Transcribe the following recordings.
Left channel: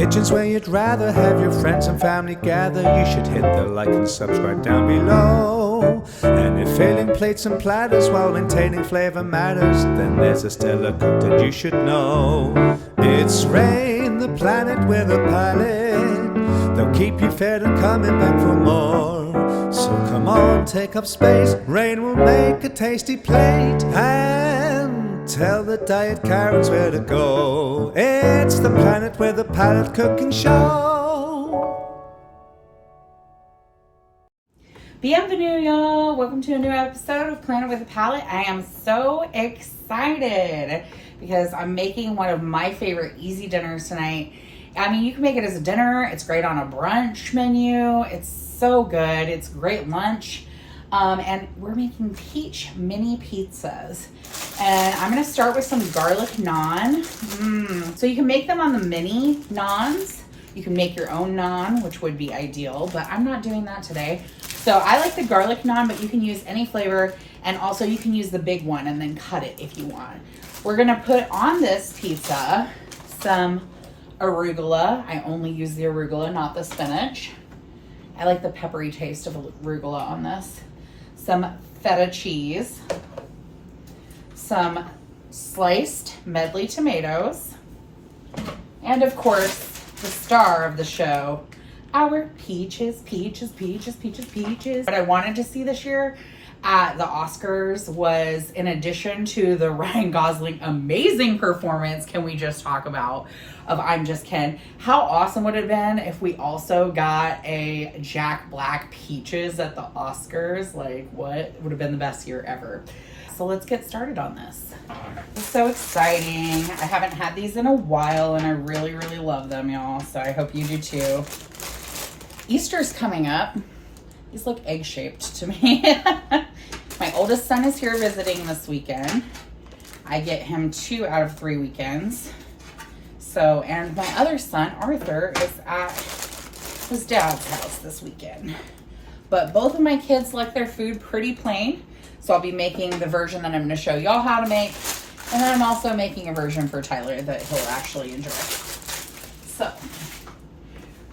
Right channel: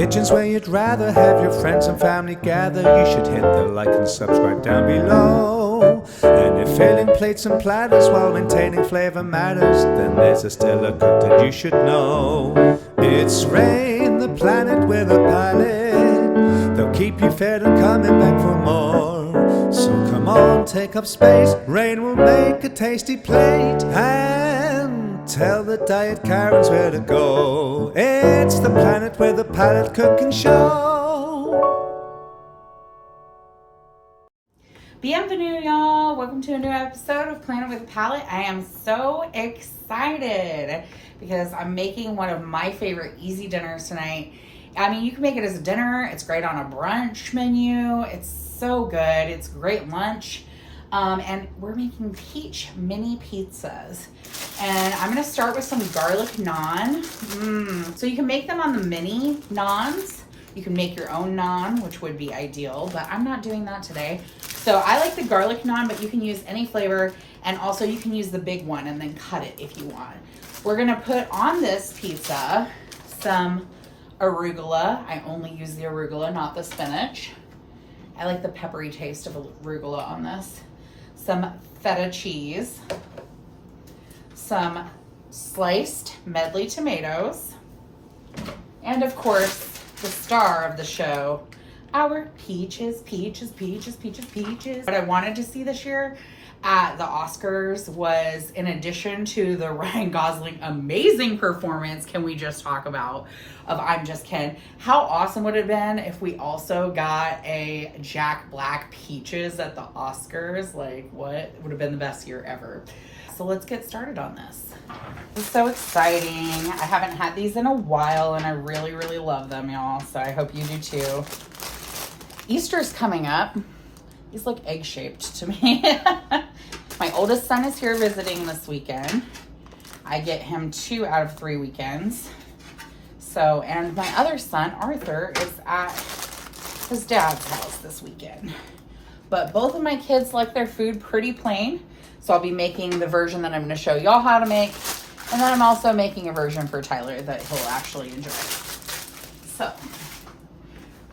kitchen's where you'd rather have your friends and family gather, you should hit the like and subscribe down below. And if filling plates and platters while maintaining flavor matters, then there's a stellar cook that you should know. It's Rain, the planet with a palate. They'll keep you fed and coming back for more. So come on, take up space. Rain will make a tasty plate and tell the diet Karens where to go. It's the planet with a palate cooking show. Bienvenue, y'all. Welcome to a new episode of Planet with a Palate. I am so excited because I'm making one of my favorite easy dinners tonight. I mean, you can make it as a dinner. It's great on a brunch menu. It's so good. It's great lunch. And we're making peach mini pizzas. And I'm gonna start with some garlic naan. So you can make them on the mini naans. You can make your own naan, which would be ideal, but I'm not doing that today. So I like the garlic naan, but you can use any flavor. And also you can use the big one and then cut it if you want. We're gonna put on this pizza some arugula. I only use the arugula, not the spinach. I like the peppery taste of arugula on this. Some feta cheese, some sliced medley tomatoes, and of course, the star of the show, our peaches. What I wanted to see this year at the Oscars was, in addition to the Ryan Gosling amazing performance, can we just talk about, of I'm Just Ken, how awesome would it have been if we also got a Jack Black peaches at the Oscars? Like, what would have been the best year ever? So let's get started on this. It's so exciting. I haven't had these in a while and I really, really love them, y'all. So I hope you do too. Easter's coming up. These look egg-shaped to me. My oldest son is here visiting this weekend. I get him 2 out of 3 weekends. So, and my other son, Arthur, is at his dad's house this weekend. But both of my kids like their food pretty plain. So I'll be making the version that I'm gonna show y'all how to make. And then I'm also making a version for Tyler that he'll actually enjoy. So,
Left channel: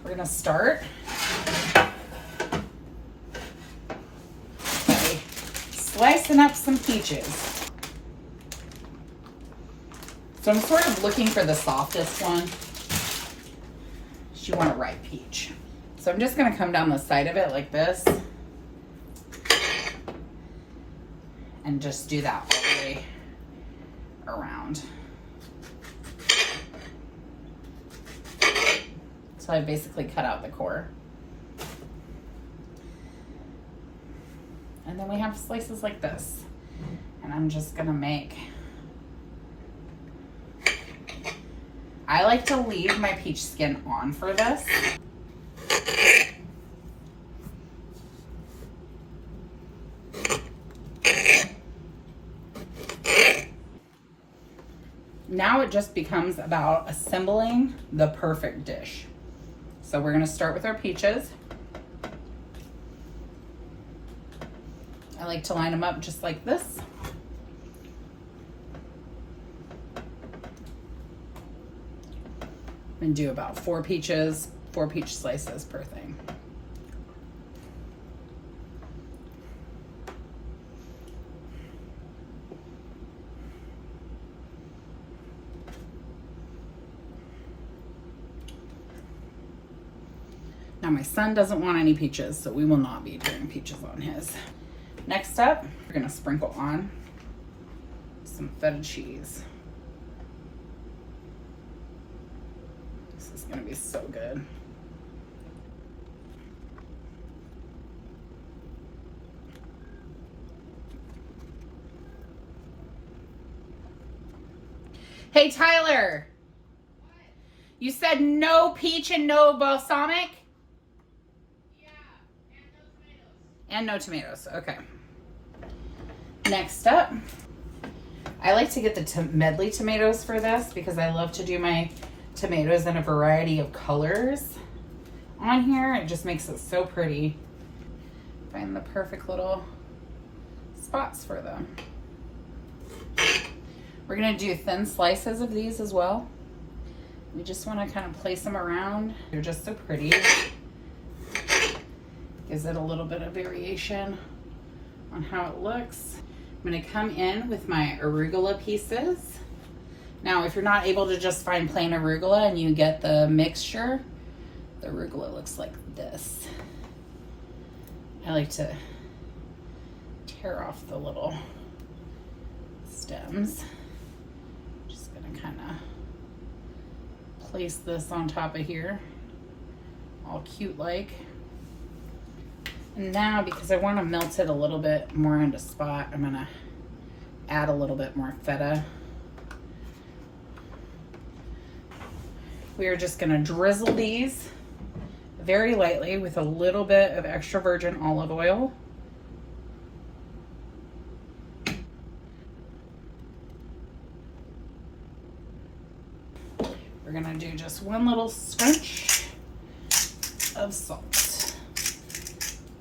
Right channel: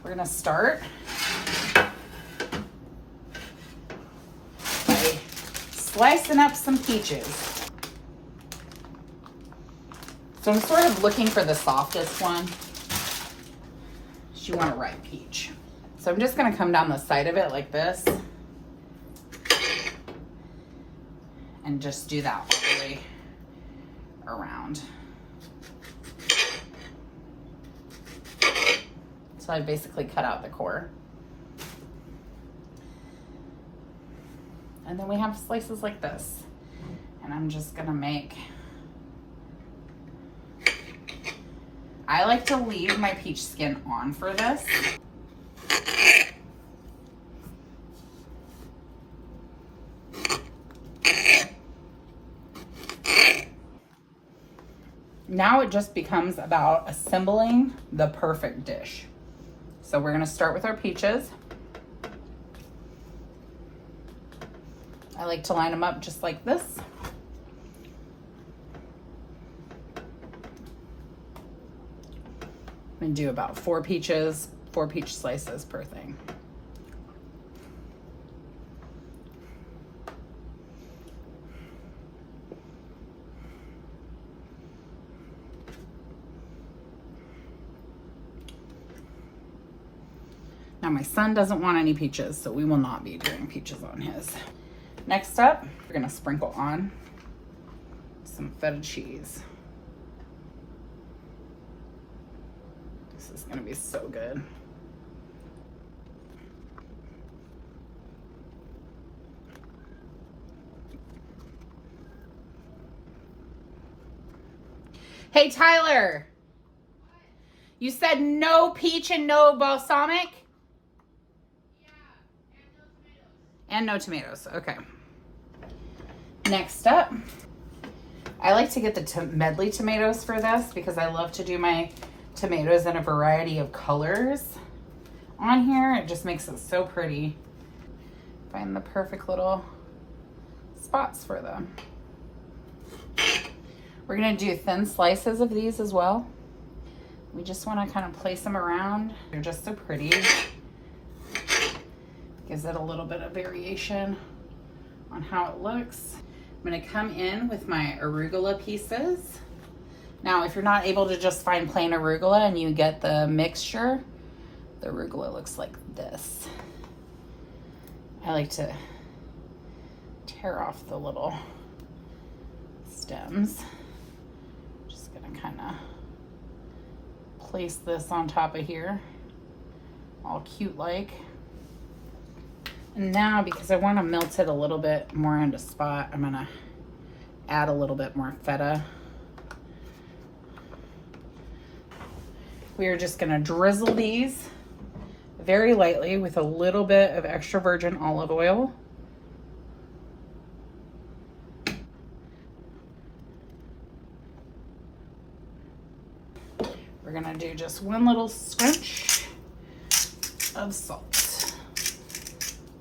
we're gonna start by slicing up some peaches. So I'm sort of looking for the softest one. You want a ripe peach. So I'm just gonna come down the side of it like this and just do that all the way around. So I basically cut out the core. And then we have slices like this. And I'm just gonna make, I like to leave my peach skin on for this. Now it just becomes about assembling the perfect dish. So we're gonna start with our peaches. I like to line them up just like this. And do about 4 peach slices per thing. Now my son doesn't want any peaches, so we will not be doing peaches on his. Next up, we're gonna sprinkle on some feta cheese. This is gonna be so good. Hey Tyler, you said no peach and no balsamic? Yeah, and no tomatoes. And no tomatoes, okay. Next up, I like to get the medley tomatoes for this because I love to do my tomatoes in a variety of colors on here. It just makes it so pretty. Find the perfect little spots for them. We're gonna do thin slices of these as well. We just want to kind of place them around. They're just so pretty. Gives it a little bit of variation on how it looks. I'm going to come in with my arugula pieces. Now, if you're not able to just find plain arugula and you get the mixture, the arugula looks like this. I like to tear off the little stems. Just going to kind of place this on top of here, all cute like. And now, because I want to melt it a little bit more into spot, I'm gonna add a little bit more feta. We are just gonna drizzle these very lightly with a little bit of extra virgin olive oil. We're gonna do just one little scrunch of salt.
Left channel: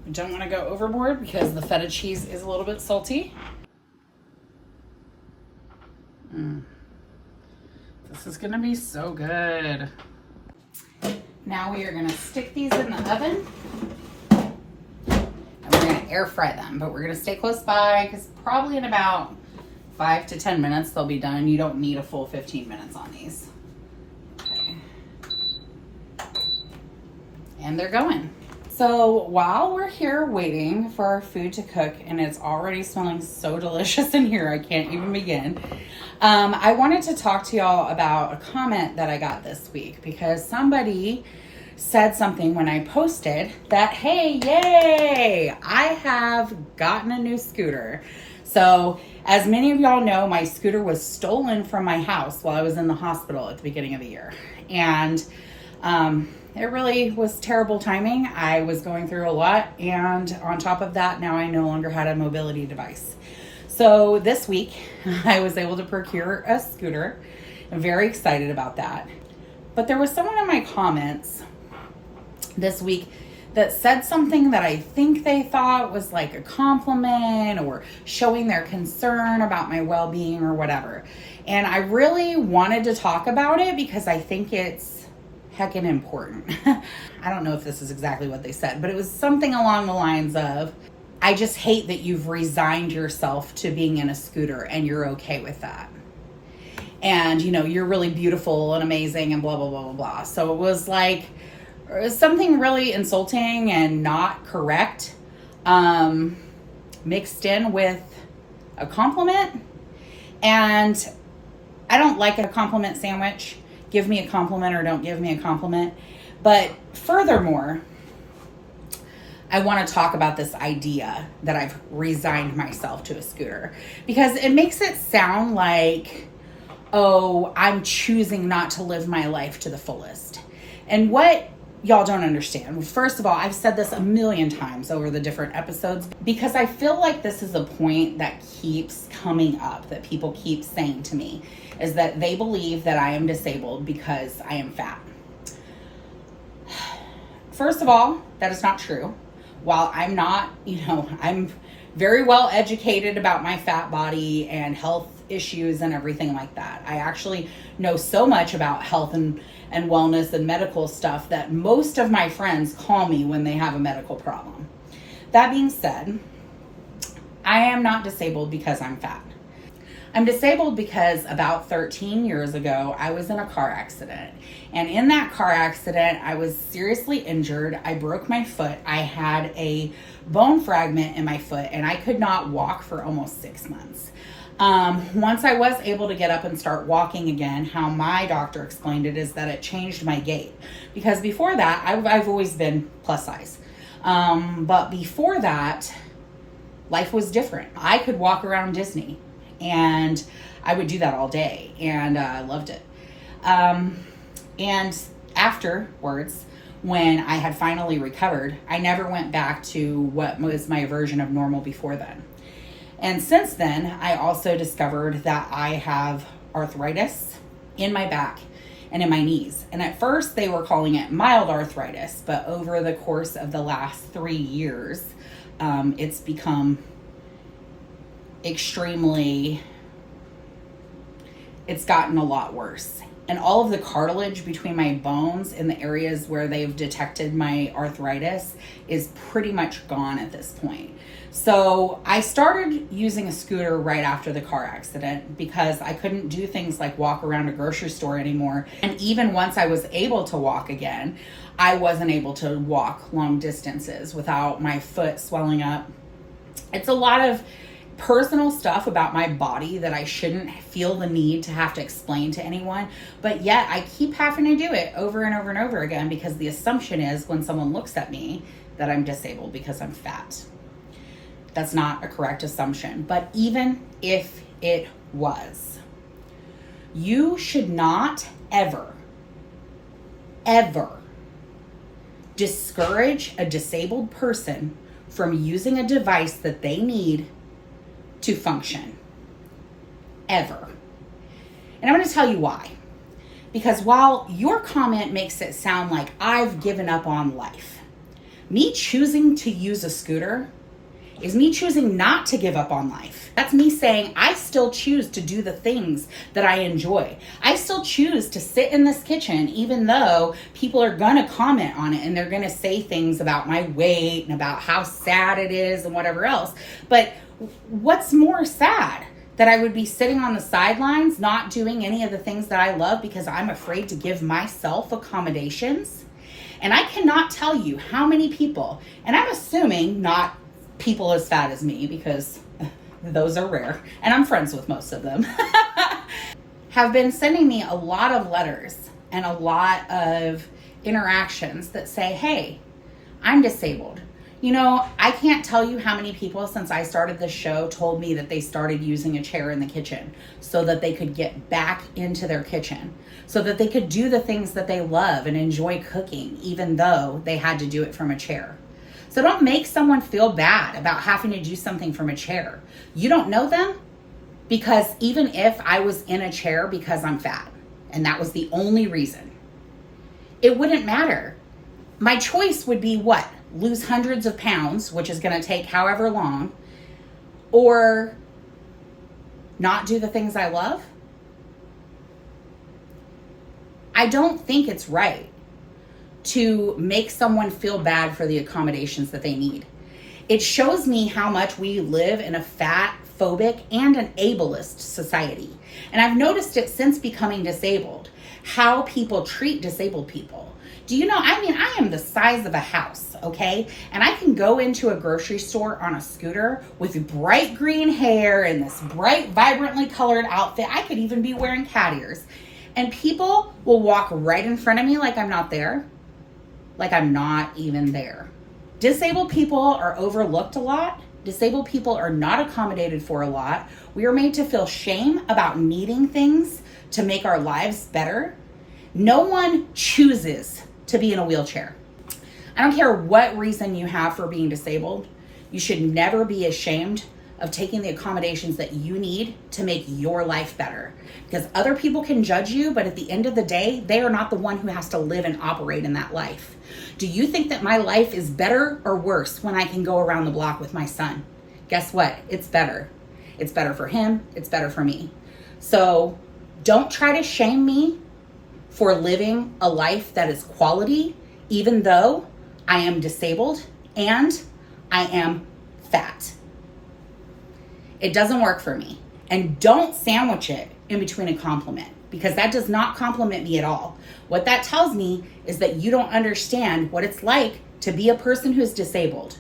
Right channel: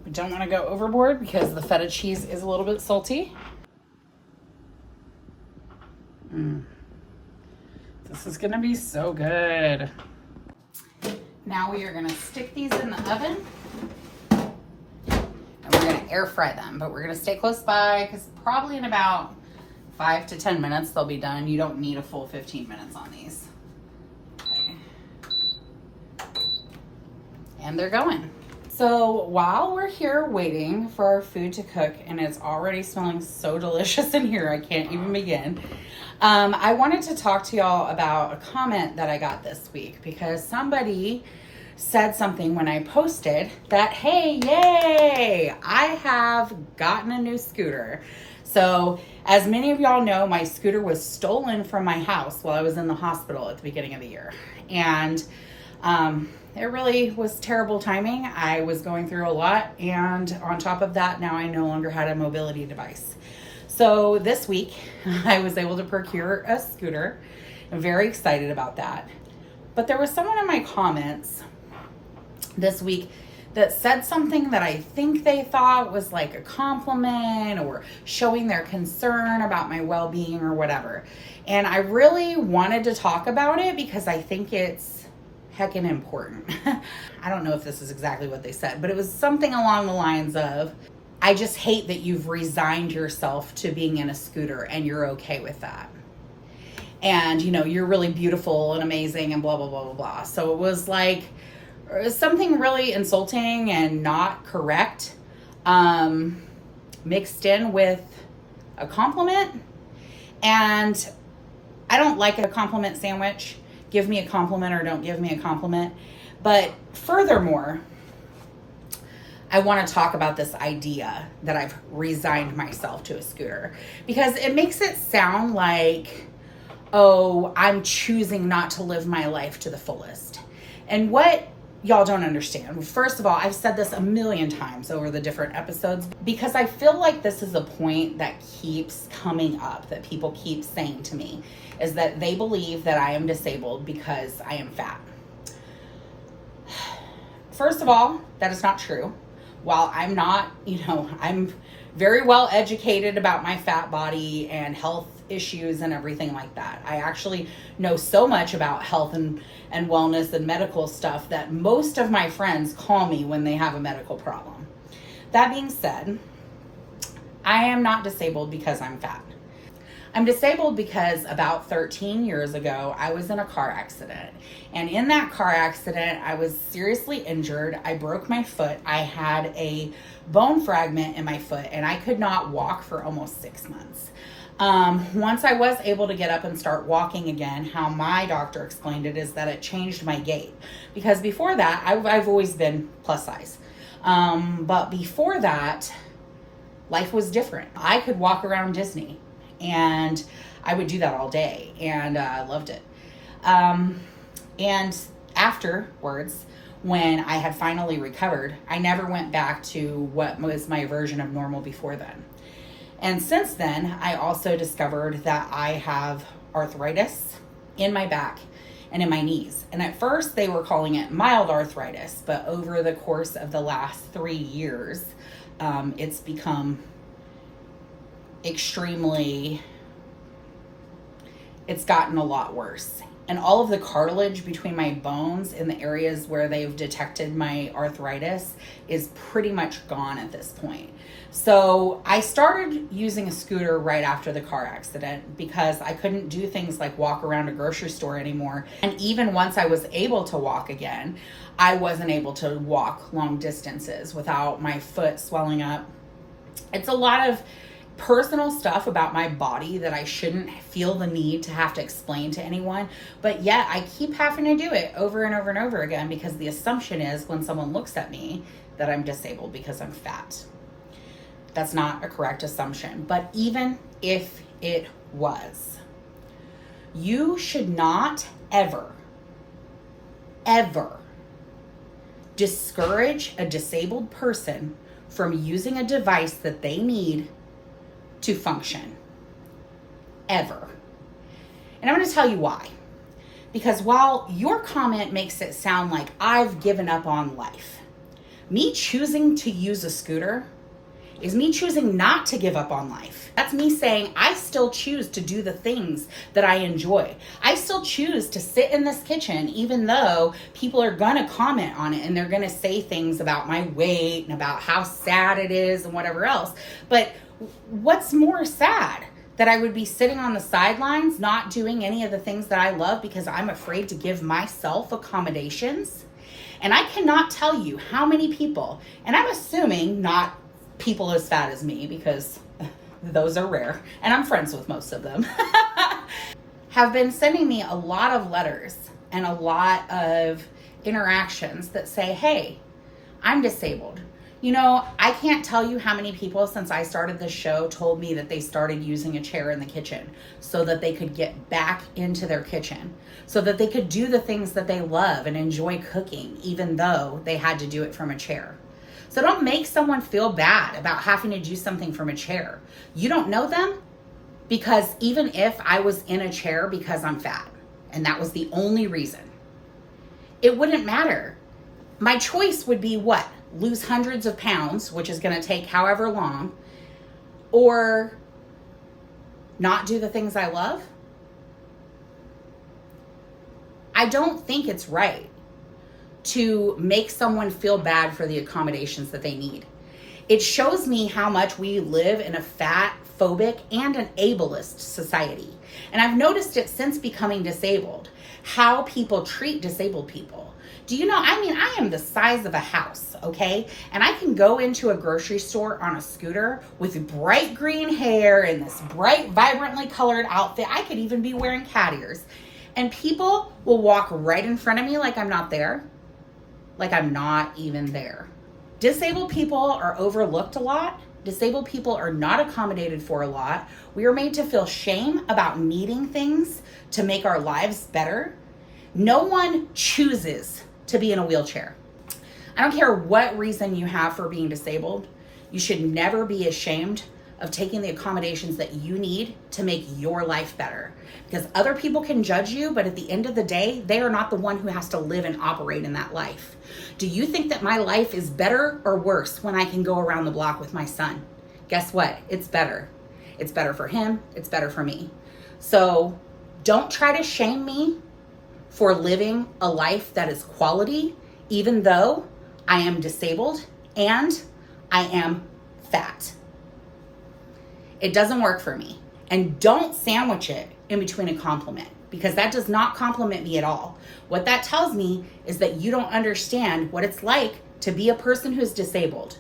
We don't want to go overboard because the feta cheese is a little bit salty. This is gonna be so good. Now we are gonna stick these in the oven and we're gonna air fry them, but we're gonna stay close by because probably in about 5 to 10 minutes they'll be done. You don't need a full 15 minutes on these. Okay. And they're going. So while we're here waiting for our food to cook, and it's already smelling so delicious in here, I can't even begin. I wanted to talk to y'all about a comment that I got this week because somebody said something when I posted that, hey, yay, I have gotten a new scooter. So as many of y'all know, my scooter was stolen from my house while I was in the hospital at the beginning of the year. And it really was terrible timing. I was going through a lot, and on top of that, now I no longer had a mobility device. So this week, I was able to procure a scooter. I'm very excited about that. But there was someone in my comments this week that said something that I think they thought was like a compliment or showing their concern about my well-being or whatever. And I really wanted to talk about it because I think it's heckin' important. I don't know if this is exactly what they said, but it was something along the lines of, I just hate that you've resigned yourself to being in a scooter and you're okay with that. And, you know, you're really beautiful and amazing and blah, blah, blah, blah, blah. So it was like something really insulting and not correct, mixed in with a compliment. And I don't like a compliment sandwich. Give me a compliment or don't give me a compliment. But furthermore, I want to talk about this idea that I've resigned myself to a scooter because it makes it sound like, oh, I'm choosing not to live my life to the fullest. And what y'all don't understand, first of all, I've said this a million times over the different episodes because I feel like this is a point that keeps coming up, that people keep saying to me, is that they believe that I am disabled because I am fat. First of all, that is not true. While I'm not, I'm very well educated about my fat body and health issues and everything like that. I actually know so much about health and wellness and medical stuff that most of my friends call me when they have a medical problem. That being said, I am not disabled because I'm fat. I'm disabled because about 13 years ago, I was in a car accident. And in that car accident, I was seriously injured. I broke my foot. I had a bone fragment in my foot and I could not walk for almost 6 months. Once I was able to get up and start walking again, how my doctor explained it is that it changed my gait. Because before that, I've always been plus size. But before that, life was different. I could walk around Disney. And I would do that all day, and I loved it. And afterwards, when I had finally recovered, I never went back to what was my version of normal before then. And since then, I also discovered that I have arthritis in my back and in my knees. And at first, they were calling it mild arthritis, but over the course of the last 3 years, it's become extremely it's gotten a lot worse. And all of the cartilage between my bones in the areas where they've detected my arthritis is pretty much gone at this point. So I started using a scooter right after the car accident because I couldn't do things like walk around a grocery store anymore. And even once I was able to walk again, I wasn't able to walk long distances without my foot swelling up. It's a lot of personal stuff about my body that I shouldn't feel the need to have to explain to anyone, but yet I keep having to do it over and over and over again because the assumption is when someone looks at me that I'm disabled because I'm fat. That's not a correct assumption, but even if it was, you should not ever discourage a disabled person from using a device that they need to function. Ever. And I'm going to tell you why. Because while your comment makes it sound like I've given up on life, me choosing to use a scooter is me choosing not to give up on life. That's me saying I still choose to do the things that I enjoy. I still choose to sit in this kitchen even though people are gonna comment on it and they're gonna say things about my weight and about how sad it is and whatever else. But what's more sad? That I would be sitting on the sidelines not doing any of the things that I love because I'm afraid to give myself accommodations? And I cannot tell you how many people, and I'm assuming not people as fat as me because those are rare and I'm friends with most of them, have been sending me a lot of letters and a lot of interactions that say, hey, I'm disabled. You know, I can't tell you how many people since I started this show told me that they started using a chair in the kitchen so that they could get back into their kitchen, so that they could do the things that they love and enjoy cooking, even though they had to do it from a chair. So don't make someone feel bad about having to do something from a chair. You don't know them, because even if I was in a chair because I'm fat and that was the only reason, it wouldn't matter. My choice would be what? Lose hundreds of pounds, which is going to take however long, or not do the things I love. I don't think it's right to make someone feel bad for the accommodations that they need. It shows me how much we live in a fat phobic and an ableist society. And I've noticed it since becoming disabled, how people treat disabled people. Do you know, I am the size of a house, okay? And I can go into a grocery store on a scooter with bright green hair and this bright, vibrantly colored outfit. I could even be wearing cat ears. And people will walk right in front of me like I'm not there. Like I'm not even there. Disabled people are overlooked a lot. Disabled people are not accommodated for a lot. We are made to feel shame about needing things to make our lives better. No one chooses to be in a wheelchair. I don't care what reason you have for being disabled. You should never be ashamed of taking the accommodations that you need to make your life better. Because other people can judge you, but at the end of the day, they are not the one who has to live and operate in that life. Do you think that my life is better or worse when I can go around the block with my son? Guess what? It's better. It's better for him. It's better for me. So don't try to shame me for living a life that is quality, even though I am disabled and I am fat. It doesn't work for me. And don't sandwich it in between a compliment, because that does not compliment me at all. What that tells me is that you don't understand what it's like to be a person who's disabled.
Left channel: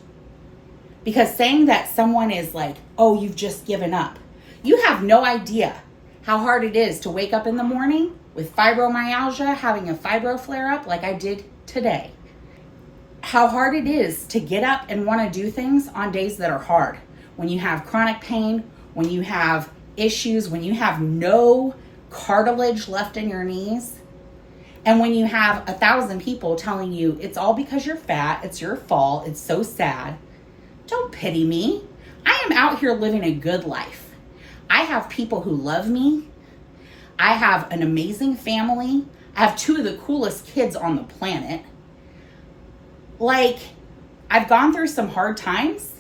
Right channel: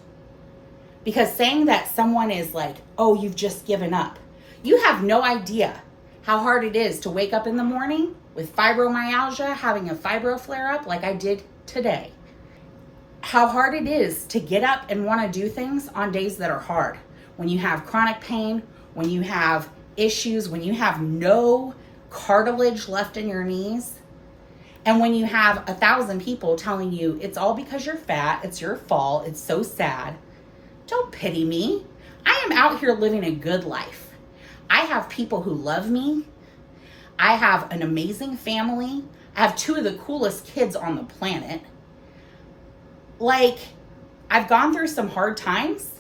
Because saying that someone is like, oh, you've just given up. You have no idea how hard it is to wake up in the morning with fibromyalgia, having a fibro flare up like I did today. How hard it is to get up and want to do things on days that are hard. When you have chronic pain, when you have issues, when you have no cartilage left in your knees, and when you have 1,000 people telling you it's all because you're fat, it's your fault, it's so sad. Don't pity me. I am out here living a good life. I have people who love me. I have an amazing family. I have 2 of the coolest kids on the planet. Like, I've gone through some hard times,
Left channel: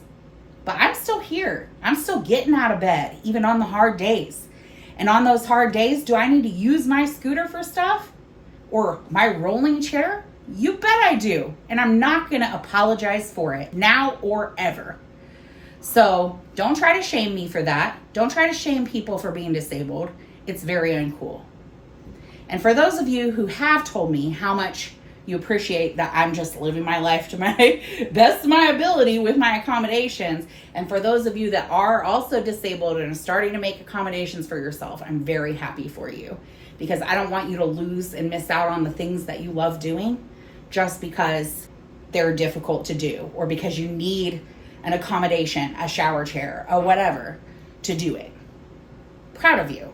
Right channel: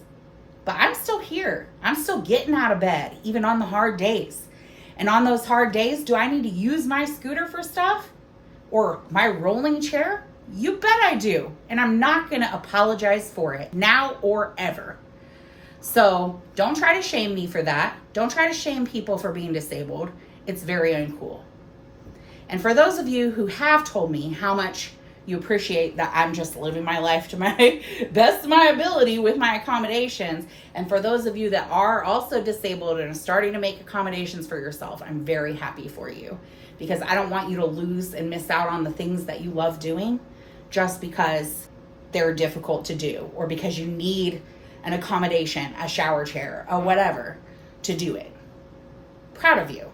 but I'm still here. I'm still getting out of bed, even on the hard days. And on those hard days, do I need to use my scooter for stuff? Or my rolling chair? You bet I do. And I'm not gonna apologize for it now or ever. So don't try to shame me for that. Don't try to shame people for being disabled. It's very uncool. And for those of you who have told me how much you appreciate that I'm just living my life to my best of my ability with my accommodations, and for those of you that are also disabled and are starting to make accommodations for yourself, I'm very happy for you, because I don't want you to lose and miss out on the things that you love doing just because they're difficult to do, or because you need an accommodation, a shower chair, or whatever to do it. Proud of you.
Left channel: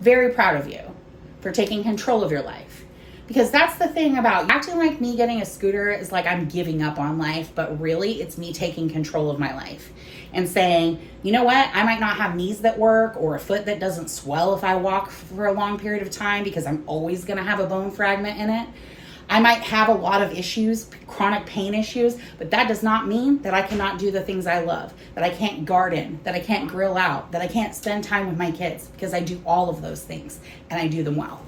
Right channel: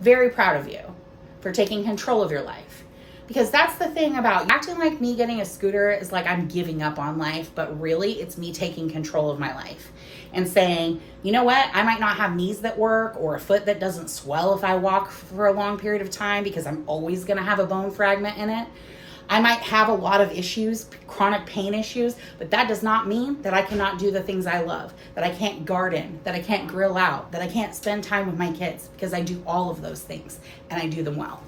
Very proud of you for taking control of your life. Because that's the thing about acting like me getting a scooter is like I'm giving up on life, but really it's me taking control of my life and saying, you know what, I might not have knees that work or a foot that doesn't swell if I walk for a long period of time because I'm always gonna have a bone fragment in it. I might have a lot of issues, chronic pain issues, but that does not mean that I cannot do the things I love, that I can't garden, that I can't grill out, that I can't spend time with my kids, because I do all of those things and I do them well.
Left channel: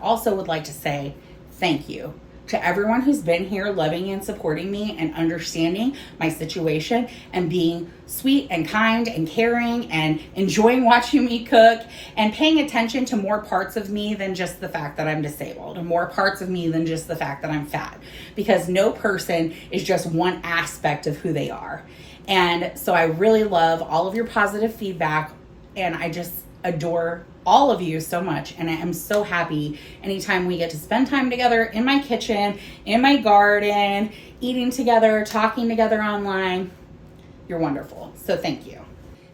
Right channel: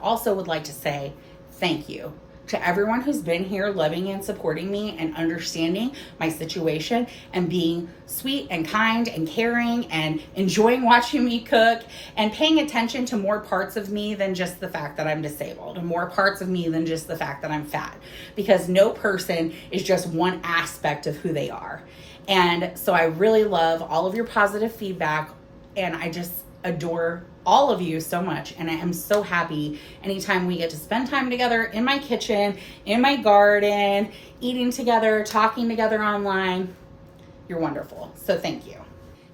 Also would like to say thank you to everyone who's been here loving and supporting me and understanding my situation and being sweet and kind and caring and enjoying watching me cook and paying attention to more parts of me than just the fact that I'm disabled, and more parts of me than just the fact that I'm fat, because no person is just one aspect of who they are. And so I really love all of your positive feedback, and I just adore all of you so much, and I am so happy anytime we get to spend time together in my kitchen, in my garden, eating together, talking together online. You're wonderful, so thank you.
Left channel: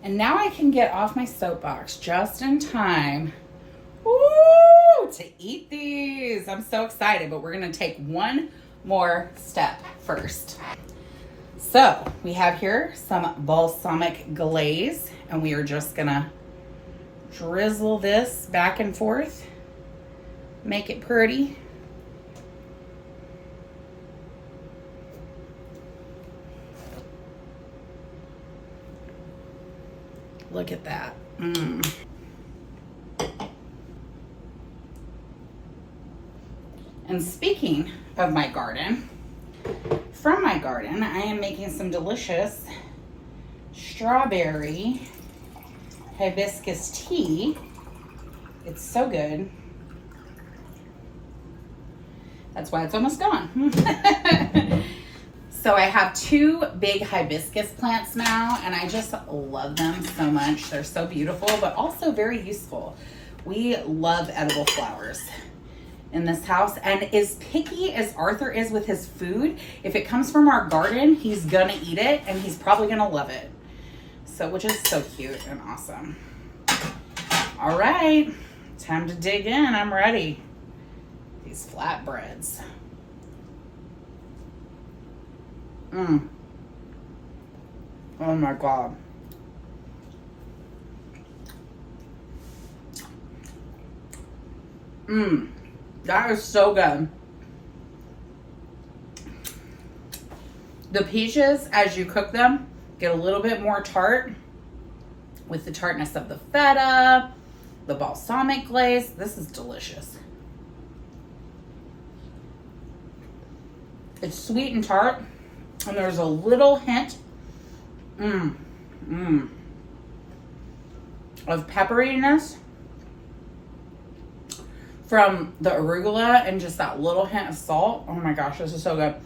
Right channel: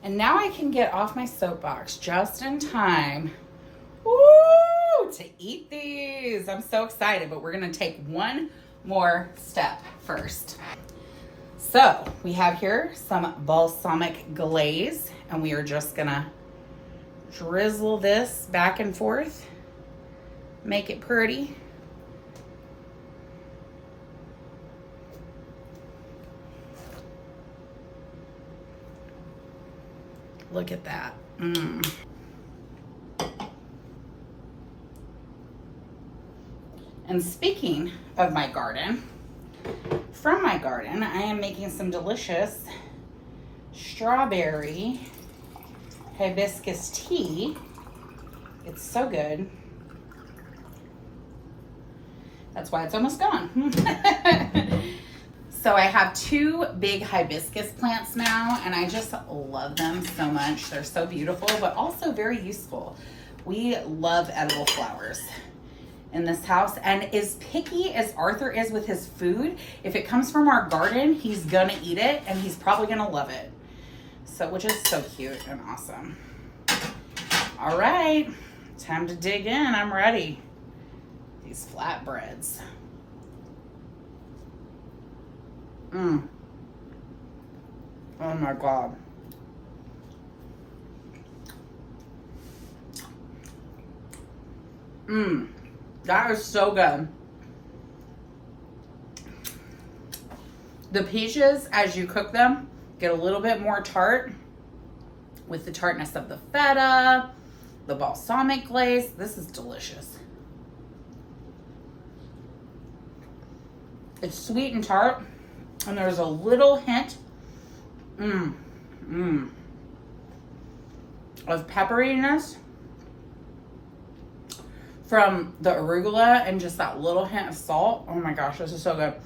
And now I can get off my soapbox just in time, woo, to eat these. I'm so excited, but we're gonna take one more step first. So we have here some balsamic glaze, and we are just gonna drizzle this back and forth, make it pretty. Look at that. And speaking of my garden, from my garden, I am making some delicious strawberry hibiscus tea. It's so good. That's why it's almost gone. So I have two big hibiscus plants now, and I just love them so much. They're so beautiful, but also very useful. We love edible flowers in this house, and as picky as Arthur is with his food, if it comes from our garden, he's gonna eat it, and he's probably gonna love it. So, which is so cute and awesome. All right, time to dig in. I'm ready. These flatbreads. Oh my God. That is so good. The peaches, as you cook them, get a little bit more tart with the tartness of the feta, the balsamic glaze. This is delicious. It's sweet and tart, and there's a little hint of pepperiness from the arugula, and just that little hint of salt. Oh my gosh, this is so good.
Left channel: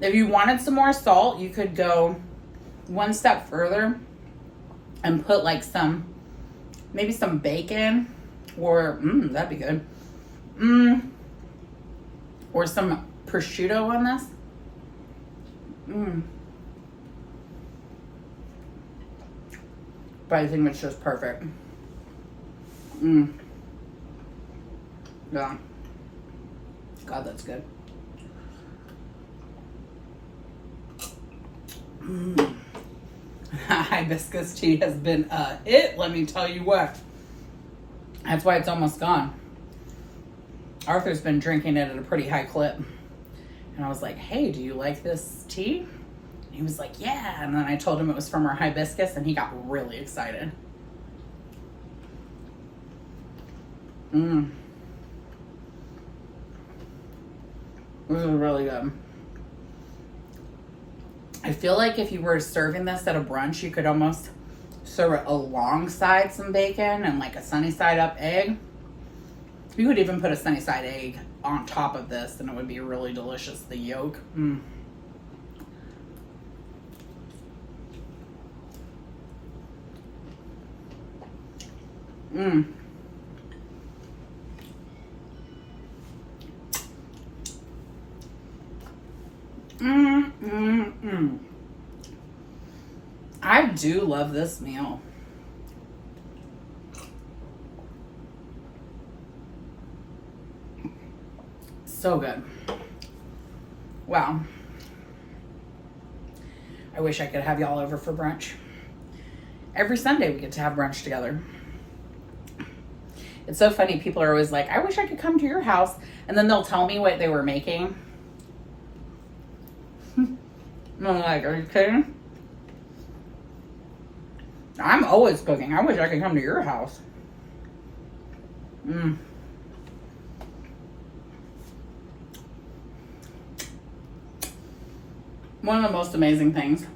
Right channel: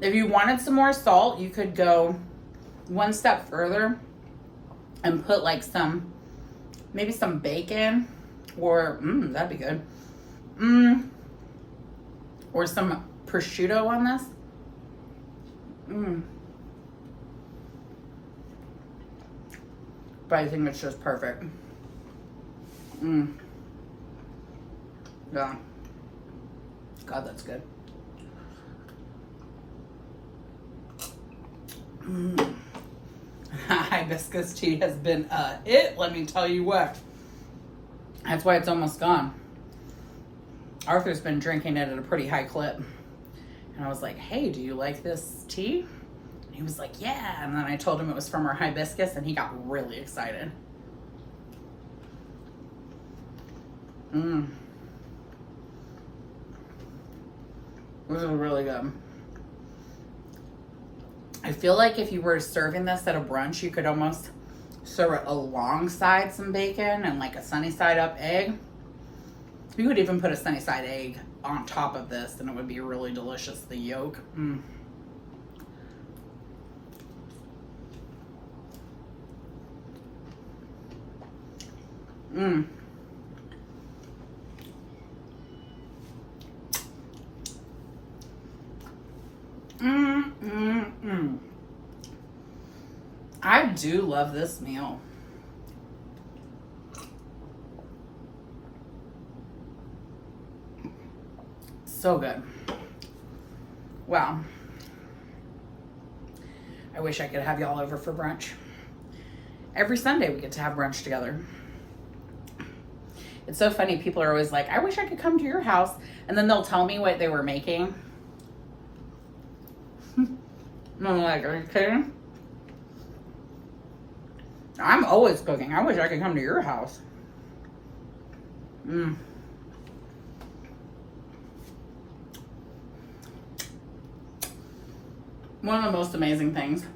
If you wanted some more salt, you could go one step further and put like maybe some bacon, or that'd be good. Or some prosciutto on this. But I think it's just perfect. Yeah. God, that's good. Hibiscus tea has been a hit, let me tell you what. That's why it's almost gone. Arthur's been drinking it at a pretty high clip. And I was like, hey, do you like this tea? And he was like, yeah. And then I told him it was from our hibiscus, and he got really excited. Mmm. This is really good. I feel like if you were serving this at a brunch, you could almost serve it alongside some bacon and like a sunny side up egg. You could even put a sunny side egg on top of this and it would be really delicious. The yolk. Mmm. Mmm. I do love this meal. So good. Wow. I wish I could have y'all over for brunch. Every Sunday we get to have brunch together. It's so funny. People are always like, I wish I could come to your house. And then they'll tell me what they were making. I'm like, are you kidding? I'm always cooking. I wish I could come to your house. One of the most amazing things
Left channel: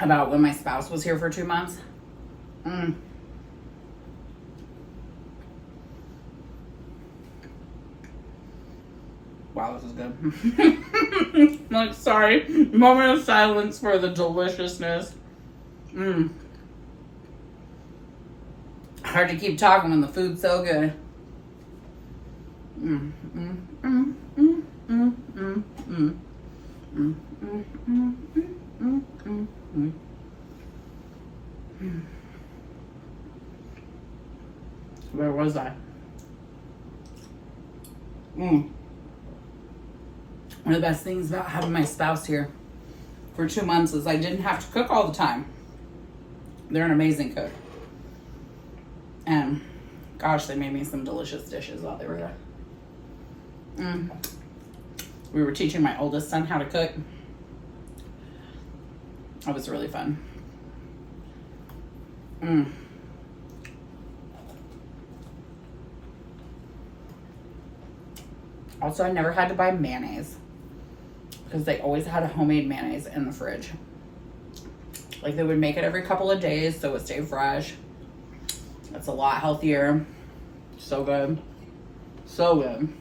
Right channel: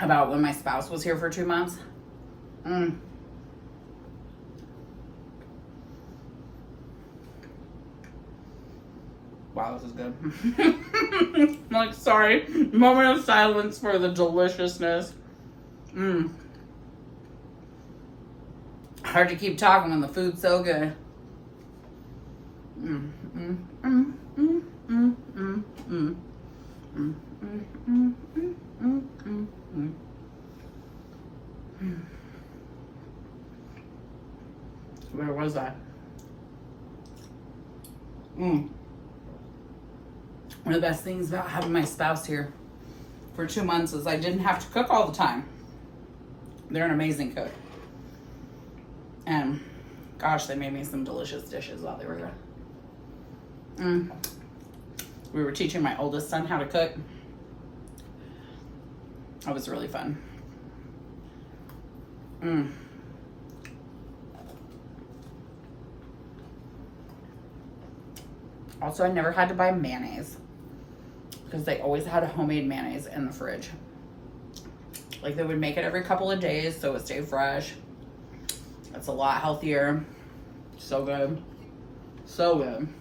about when my spouse was here for 2 months. Wow, this is good. I'm like, sorry. Moment of silence for the deliciousness. Hard to keep talking when the food's so good. Where was I? One of the best things about having my spouse here for 2 months is I didn't have to cook all the time. They're an amazing cook. And gosh, they made me some delicious dishes while they were there. We were teaching my oldest son how to cook. That was really fun. Also, I never had to buy mayonnaise because they always had a homemade mayonnaise in the fridge. Like they would make it every couple of days so it stayed fresh. It's a lot healthier. So good. So good.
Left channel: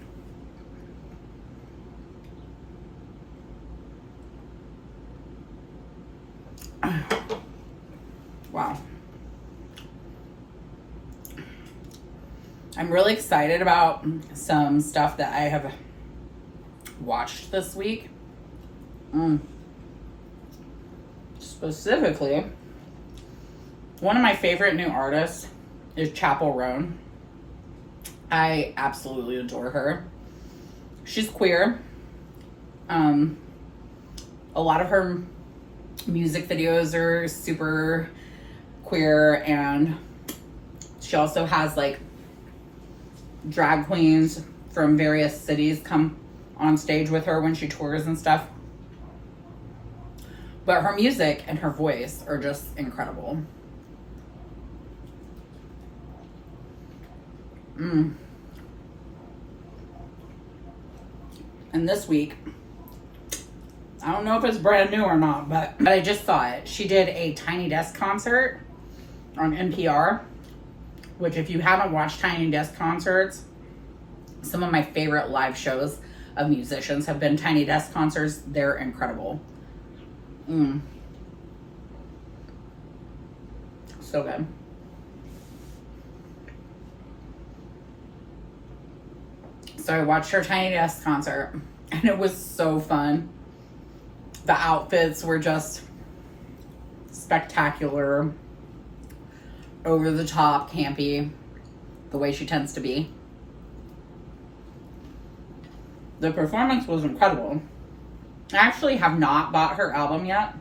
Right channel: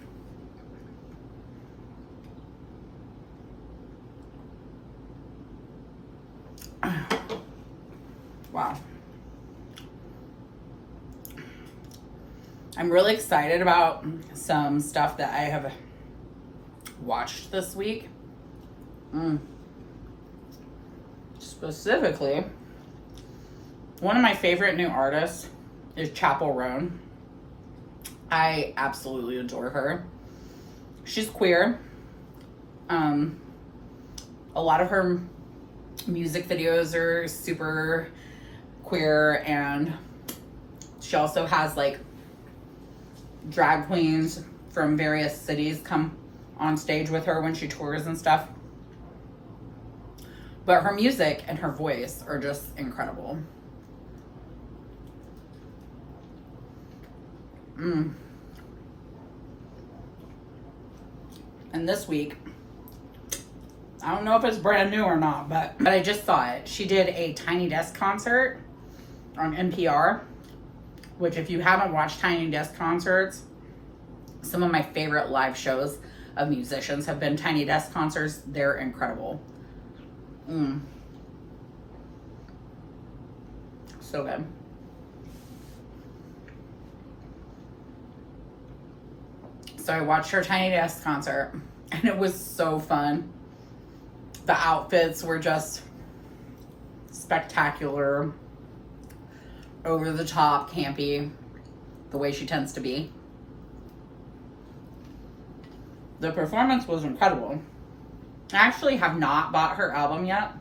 Wow. I'm really excited about some stuff that I have watched this week. Specifically, one of my favorite new artists is Chapel Roan. I absolutely adore her. She's queer. A lot of her music videos are super queer, and she also has like drag queens from various cities come on stage with her when she tours and stuff. But her music and her voice are just incredible. And this week, I don't know if it's brand new or not, but I just saw it. She did a Tiny Desk concert on NPR, which if you haven't watched Tiny Desk concerts, some of my favorite live shows of musicians have been Tiny Desk concerts. They're incredible. So good. So I watched her Tiny Desk concert and it was so fun. The outfits were just spectacular, over the top, campy, the way she tends to be. The performance was incredible. I actually have not bought her album yet.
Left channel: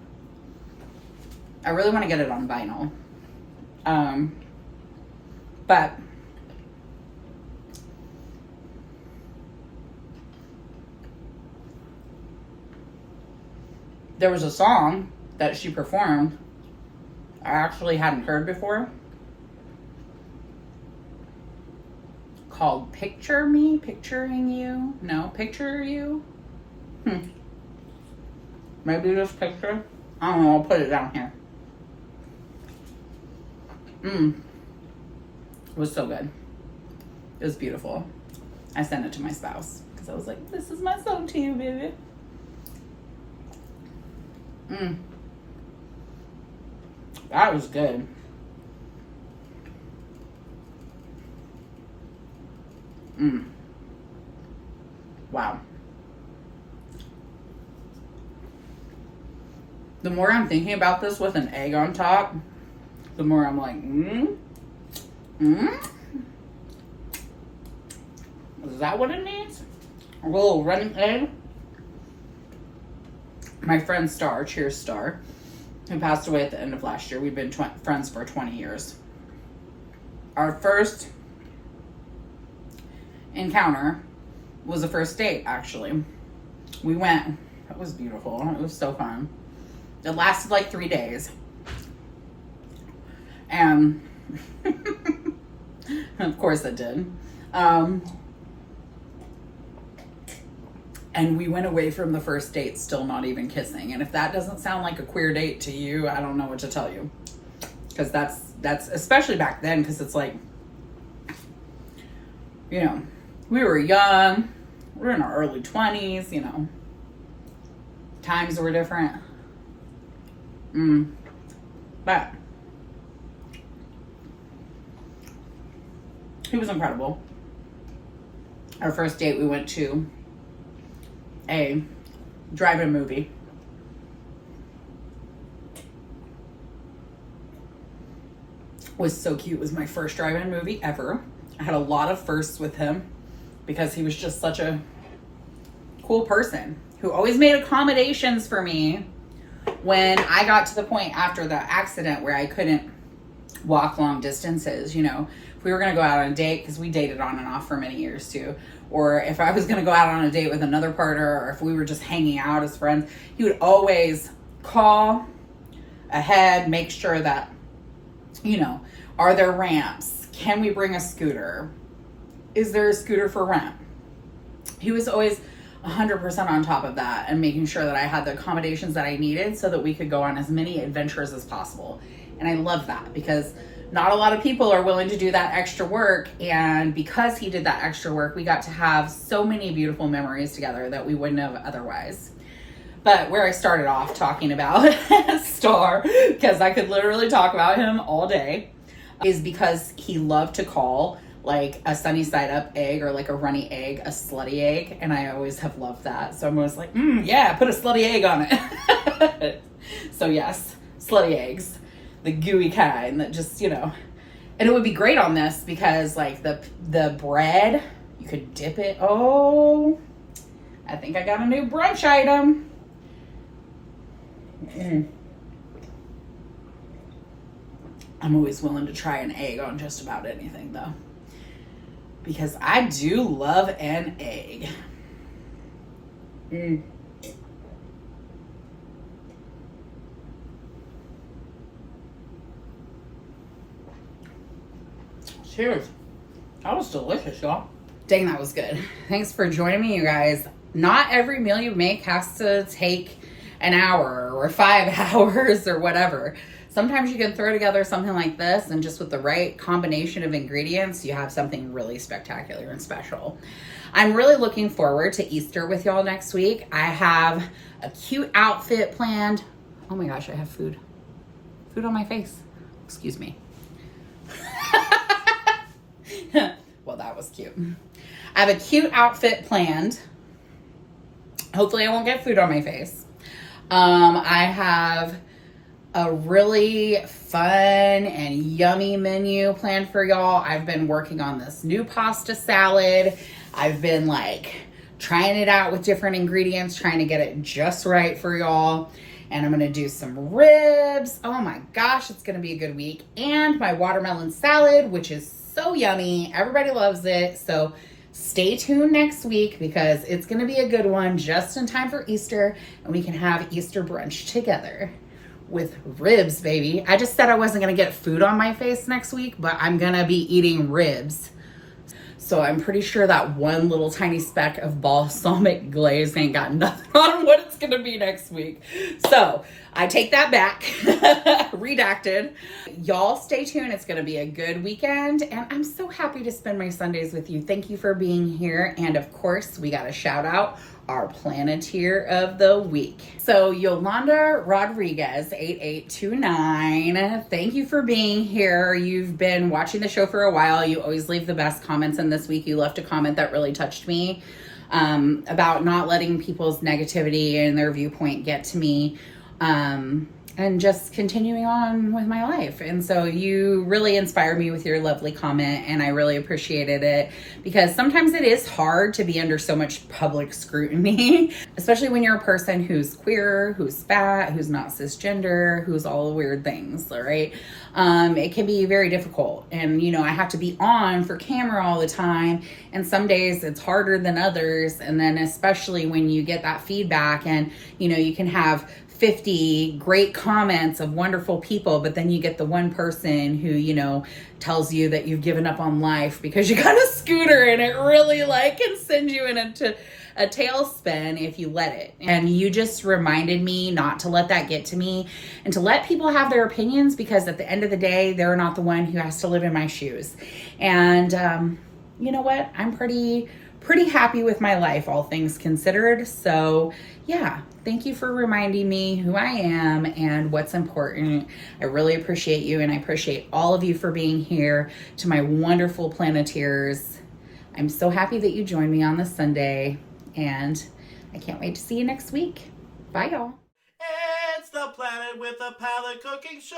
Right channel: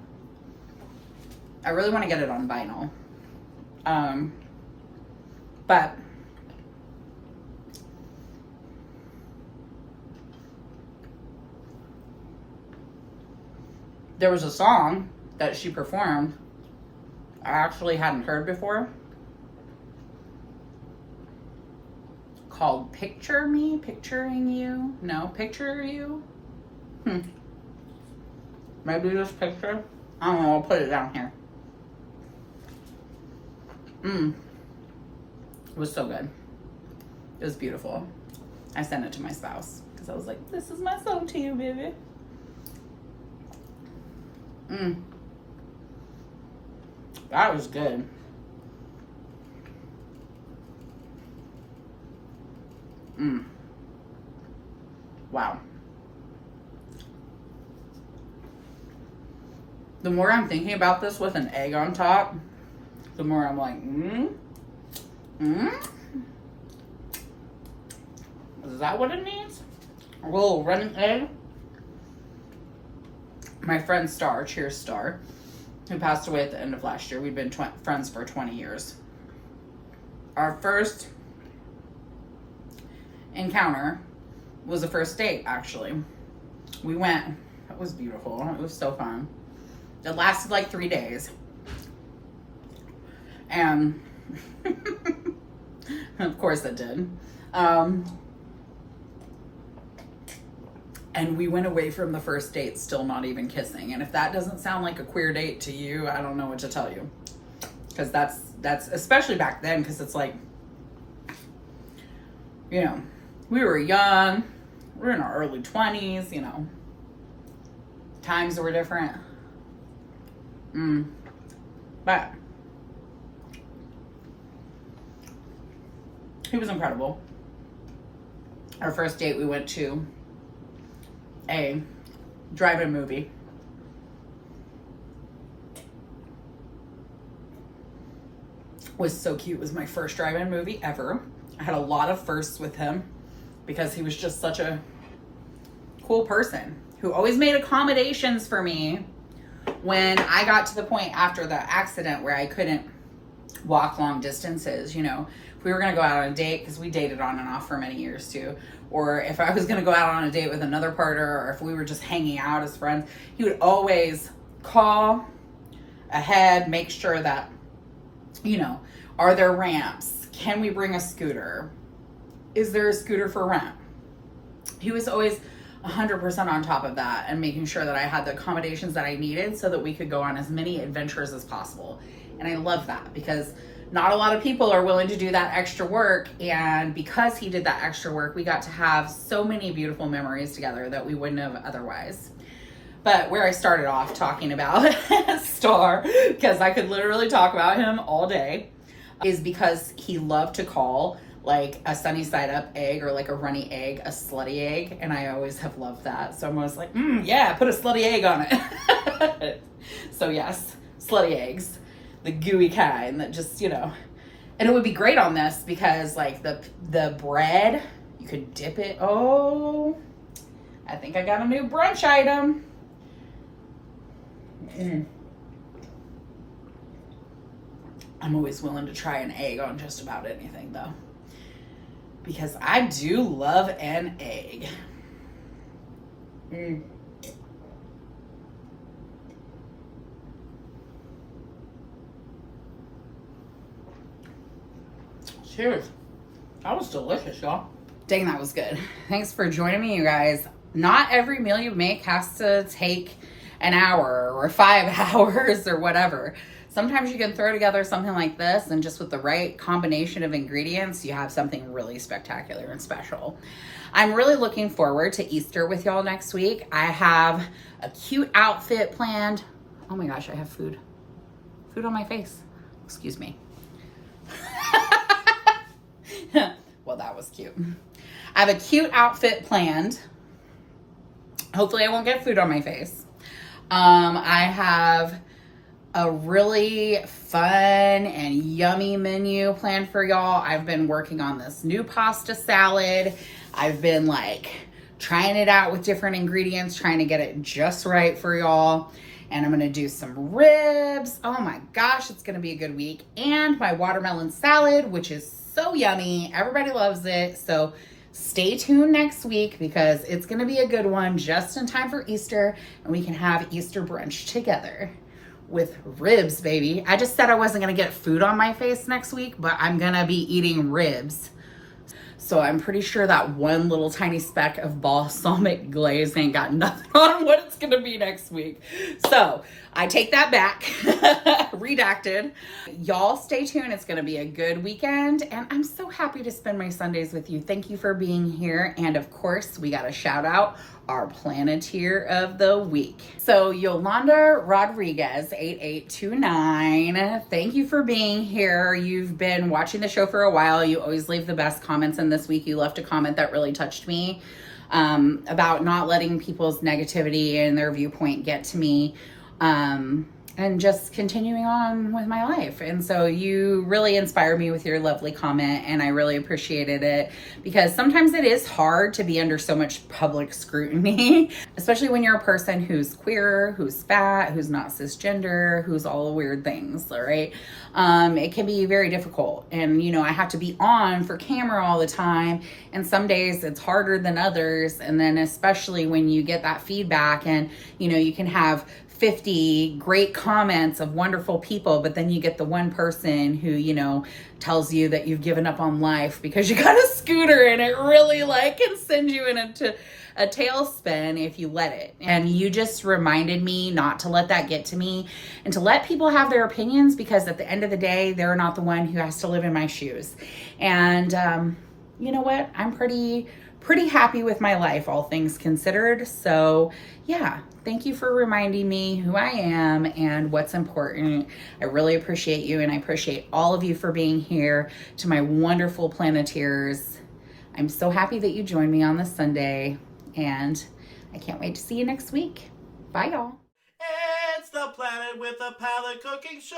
I really want to get it on vinyl. But there was a song that she performed I actually hadn't heard before. called Picturing You. No, Picture You. Maybe just picture. I don't know, I'll put it down here. It was so good. It was beautiful. I sent it to my spouse because I was like, this is my song to you, baby. That was good. Wow. The more I'm thinking about this with an egg on top, the more I'm like, is that what it needs? A little running egg? My friend Star, cheers Star, who passed away at the end of last year. We've been friends for 20 years. Our first encounter was a first date, actually. We went, it was beautiful. It was so fun. It lasted like 3 days. And of course it did. And we went away from the first date still not even kissing. And if that doesn't sound like a queer date to you, I don't know what to tell you. Because that's especially back then, because it's like, you know, we were young. We were in our early 20s, you know. Times were different. But he was incredible. Our first date, we went to a drive-in movie. Was so cute. It was my first drive-in movie ever. I had a lot of firsts with him because he was just such a cool person who always made accommodations for me when I got to the point after the accident where I couldn't walk long distances. You know, if we were going to go out on a date, because we dated on and off for many years too, or if I was going to go out on a date with another partner, or if we were just hanging out as friends, he would always call ahead, make sure that, you know, are there ramps? Can we bring a scooter? Is there a scooter for rent? He was always 100% on top of that and making sure that I had the accommodations that I needed so that we could go on as many adventures as possible. And I love that because not a lot of people are willing to do that extra work. And because he did that extra work, we got to have so many beautiful memories together that we wouldn't have otherwise. But where I started off talking about Star, because I could literally talk about him all day, is because he loved to call like a sunny side up egg or like a runny egg a slutty egg. And I always have loved that. So I'm always like, yeah, put a slutty egg on it. So yes, slutty eggs, the gooey kind that just, you know, and it would be great on this because like the bread, you could dip it. Oh, I think I got a new brunch item. I'm always willing to try an egg on just about anything though, because I do love an egg. Cheers. That was delicious, y'all. Dang, that was good. Thanks for joining me, you guys. Not every meal you make has to take an hour or 5 hours or whatever. Sometimes you can throw together something like this and just with the right combination of ingredients, you have something really spectacular and special. I'm really looking forward to Easter with y'all next week. I have a cute outfit planned. Oh my gosh, I have food on my face. Excuse me. Well, that was cute. I have a cute outfit planned. Hopefully I won't get food on my face. I have a really fun and yummy menu planned for y'all. I've been working on this new pasta salad. I've been like trying it out with different ingredients, trying to get it just right for y'all. And I'm gonna do some ribs. Oh my gosh, it's gonna be a good week. And my watermelon salad, which is so yummy. Everybody loves it. So stay tuned next week because it's gonna be a good one just in time for Easter and we can have Easter brunch together with ribs, baby. I just said I wasn't gonna get food on my face next week, but I'm gonna be eating ribs. So I'm pretty sure that one little tiny speck of balsamic glaze ain't got nothing on what it's gonna be next week. So I take that back, redacted. Y'all stay tuned, it's gonna be a good weekend, and I'm so happy to spend my Sundays with you. Thank you for being here, and of course, we gotta shout out our Planeteer of the week. So Yolanda Rodriguez, 8829, thank you for being here. You've been watching the show for a while. You always leave the best comments, and this week you left a comment that really touched me about not letting people's negativity and their viewpoint get to me. And just continuing on with my life. And so you really inspired me with your lovely comment, and I really appreciated it, because sometimes it is hard to be under so much public scrutiny, especially when you're a person who's queer, who's fat, who's not cisgender, who's all the weird things, all right? It can be very difficult. And, you know, I have to be on for camera all the time. And some days it's harder than others. And then especially when you get that feedback and, you know, you can have 50 great comments of wonderful people, but then you get the one person who, you know, tells you that you've given up on life because you got a scooter, and it really like can send you into a tailspin if you let it. And you just reminded me not to let that get to me, and to let people have their opinions, because at the end of the day, they're not the one who has to live in my shoes. And you know what? I'm pretty happy with my life, all things considered. So yeah, thank you for reminding me who I am and what's important. I really appreciate you, and I appreciate all of you for being here. To my wonderful Planeteers, I'm so happy that you joined me on this Sunday, and I can't wait to see you next week. Bye, y'all. It's the Planet with a Palate Cooking Show.